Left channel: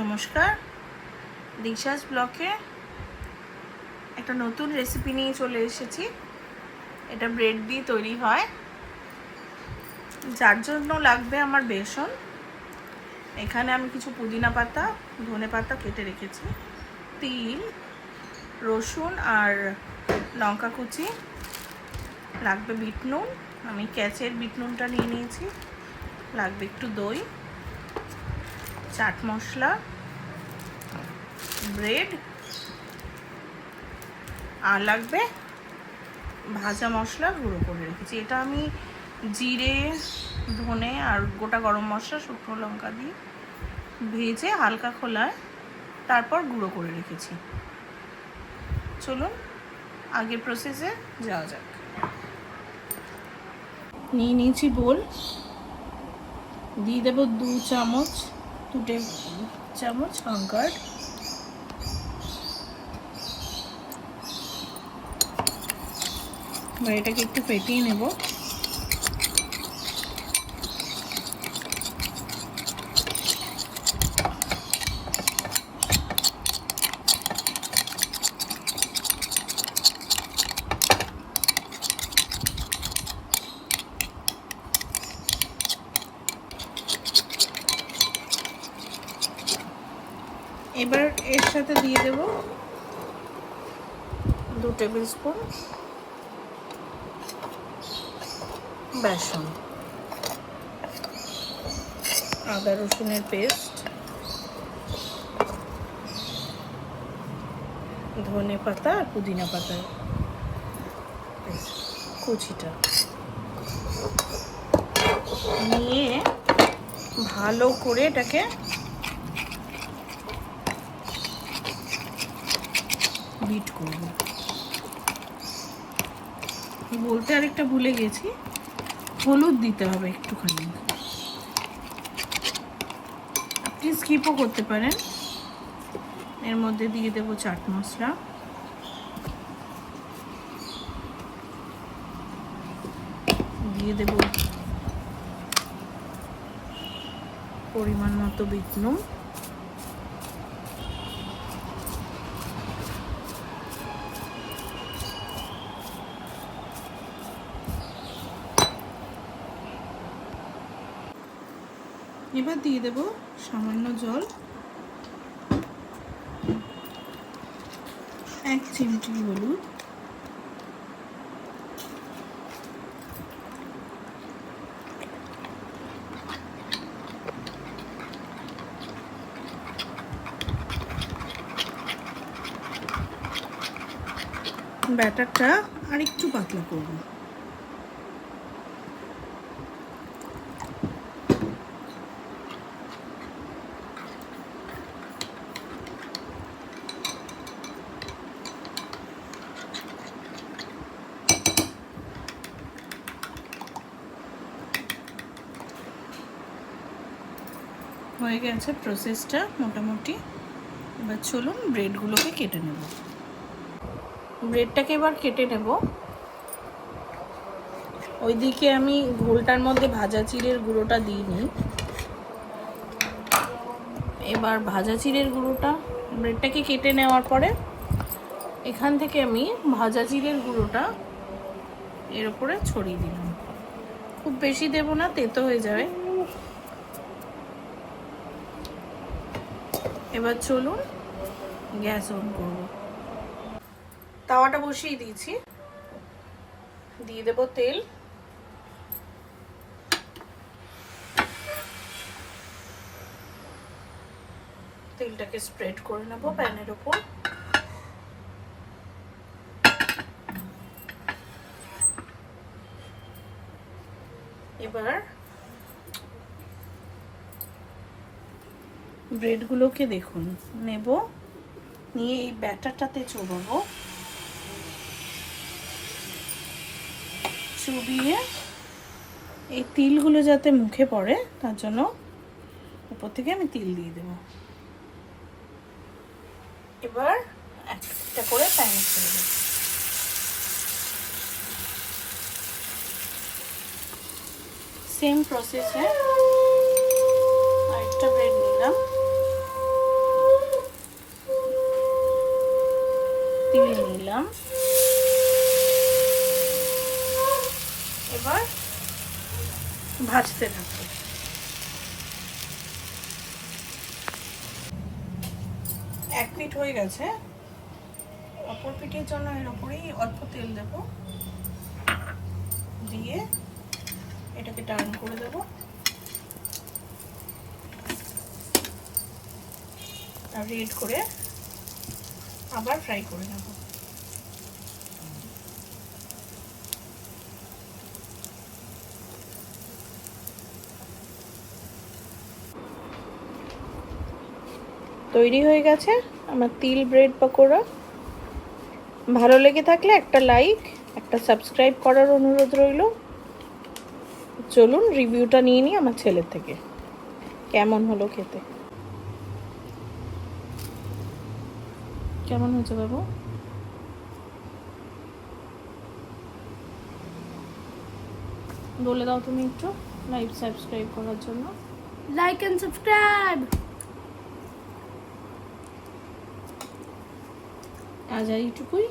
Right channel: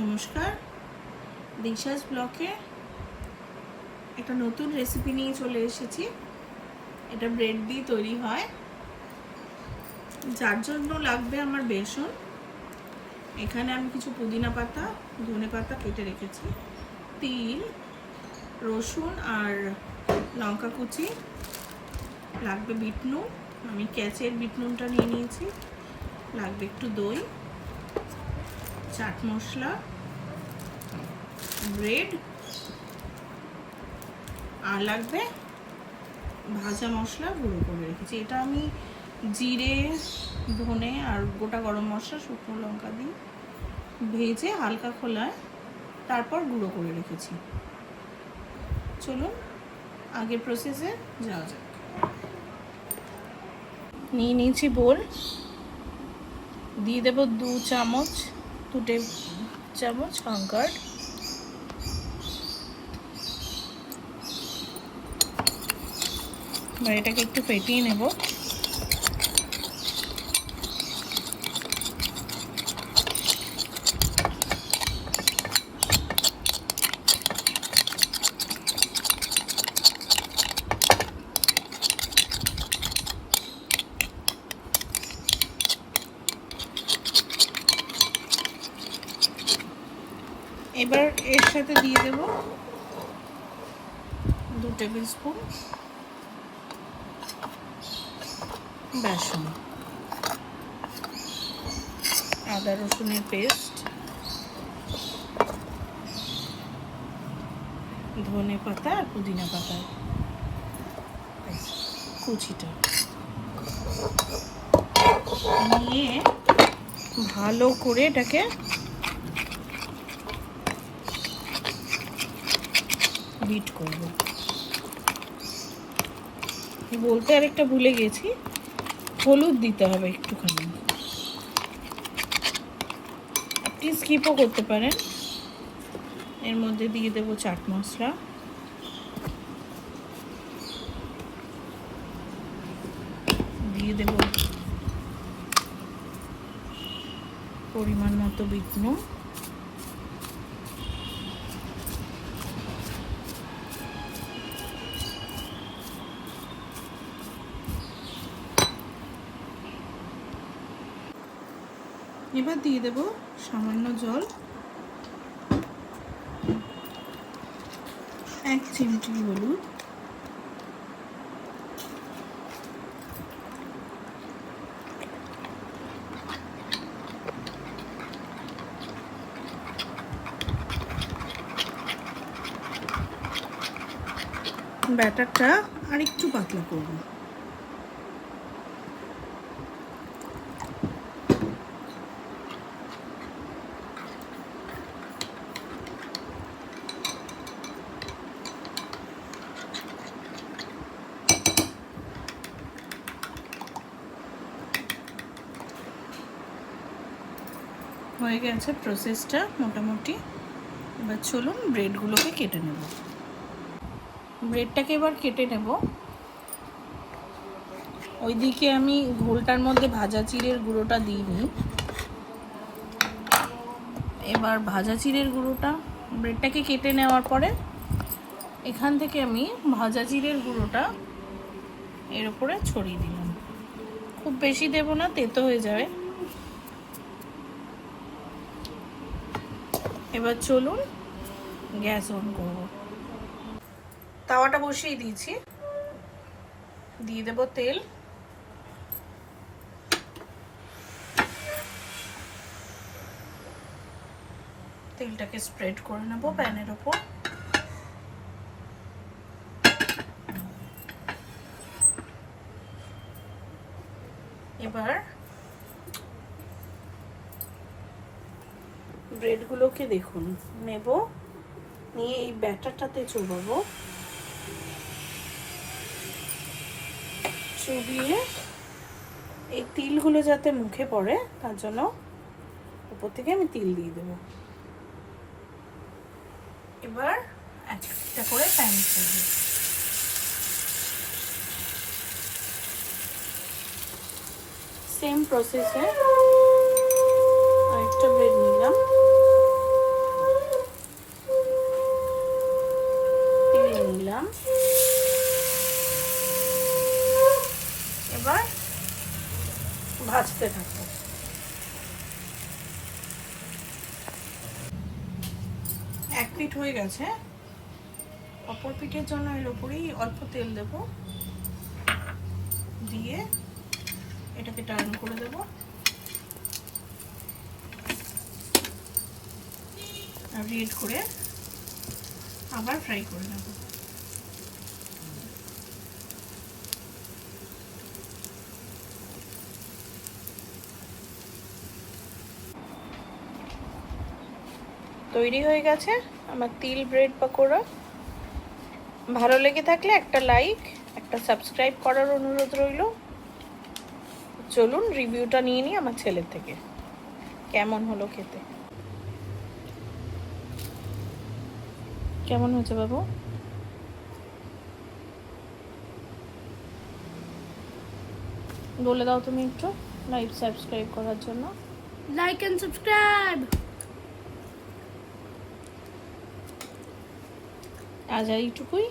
নমস্কার, দিশাস ব্লকে একটা নতুন রেসিপি নিয়ে চলে এসেছি। এটা ব্রেড দিয়ে তৈরি হয়, যার জন্য লাগবে আমার বেসন। এখানে আমি কিছু পুদিনা পাতা, ধনে পাতা কেটে রেখেছি, তিল, রসুন আর লঙ্কা কুচি, লাগবে বিট নুন, আমি ক্যাচের বিট নুনটা নিয়ে নিয়েছি, লাগবে একটু দই, চাট মশলা, ব্রেড, আর লাগবে ভাজা মশলা গুঁড়ো করে রেখেছি। এটা আমি জিরে, ধনে আর গোটা গরম মশলা, শুকনো লঙ্কা দিয়ে ভেজে হালকা খোলায় তারপর গুঁড়ো করে রেখেছি। চলুন আগের প্রসেসে যাওয়া যাক। নিয়ে নিয়েছি বোল, দিয়ে দেব 2 চামচ লঙ্কার, এটাকে একটু ফেটিয়ে নেব। এবার এর সাথে দিয়ে দেব 2 টেবিল স্পুন বেসন, আদা রসুনের পেস্ট, ধনে পাতা আর পুদিনা পাতা কুচিটা নিয়ে ভালো করে এটাকে বিট করব। বলতে আরেকটা ভুলে গেছি, হলুদ দিতে হবে একটুখানি, আপনি স্কিপও করতে পারেন। এর মধ্যে দিয়ে দেব চাট মশলা, দিয়ে দেব পরিমাণ মতো বিট নুন, এবার দিয়ে দেব সামান্য জল, 1 চিমটি হলুদ, ব্যাটারটা আর একটু পাতলা করব। হয়ে গেছে প্রসেসটা মোটামুটি। এবার চলুন ব্রেডগুলোকে কেটে নেব। ব্রেডটাকে এবার কেটে নেব। ওইদিকে আমি ঘোলটার মধ্যে ভাজা চিড়ের গুঁড়োটা দিইনি। এবার ভাজা চিড়ের গুঁড়োটা ব্রেডটাকে কেটে নেওয়ার পরে এখান থেকে আমি ভাজা চিড়ের গুঁড়োটা এর উপরে ছড়িয়ে দিলাম। খুব বেশি দেব না, তেতো হয়ে যায়। এবার চলুন গ্যাস অন করব। তাওয়াটা বসিয়ে দিয়েছি, দিয়ে দেব তেল, তেলটাকে স্প্রেড করে নেব প্যানের উপর। এবার ব্রেডগুলোকে দেখুন নেব, নিয়ে এই ব্যাটারটাতে চড়াবো, চড়িয়ে এই তিলগুলো যাতে মুখে পড়ে তার জন্য উপর থেকে আমি তিল দিয়ে দেব। এবার একটা করে প্যান করব। সেম প্রসেসে আরেকটা ব্রেড নিলাম, দিয়ে দিলাম। এবার ভাজতে থাকবো। এক পিঠ হয়ে গেছে, অপর পিঠের জন্য এর উপরেই অল্প তেল দেবো, দিয়ে এটাকে টার্ন করে দেবো আর রেড করে আবার ফ্রাই করে নেব। তৈরি হয়ে গেছে আমার তিল ব্রেড পকোড়া। ভালো লেগে থাকলে একটা লাইক, একটা সাবস্ক্রাইব করার অনুরোধ রইল। চলুন রিভিউটা নিয়ে নিই আমার ছেলের থেকে, কেমন হলো খেতে। কেমন হয়েছে বাবু? বলে দাও তুমি একটু লাইক সাবস্ক্রাইব করার জন্য। Like and subscribe. আজ এইটুকুই।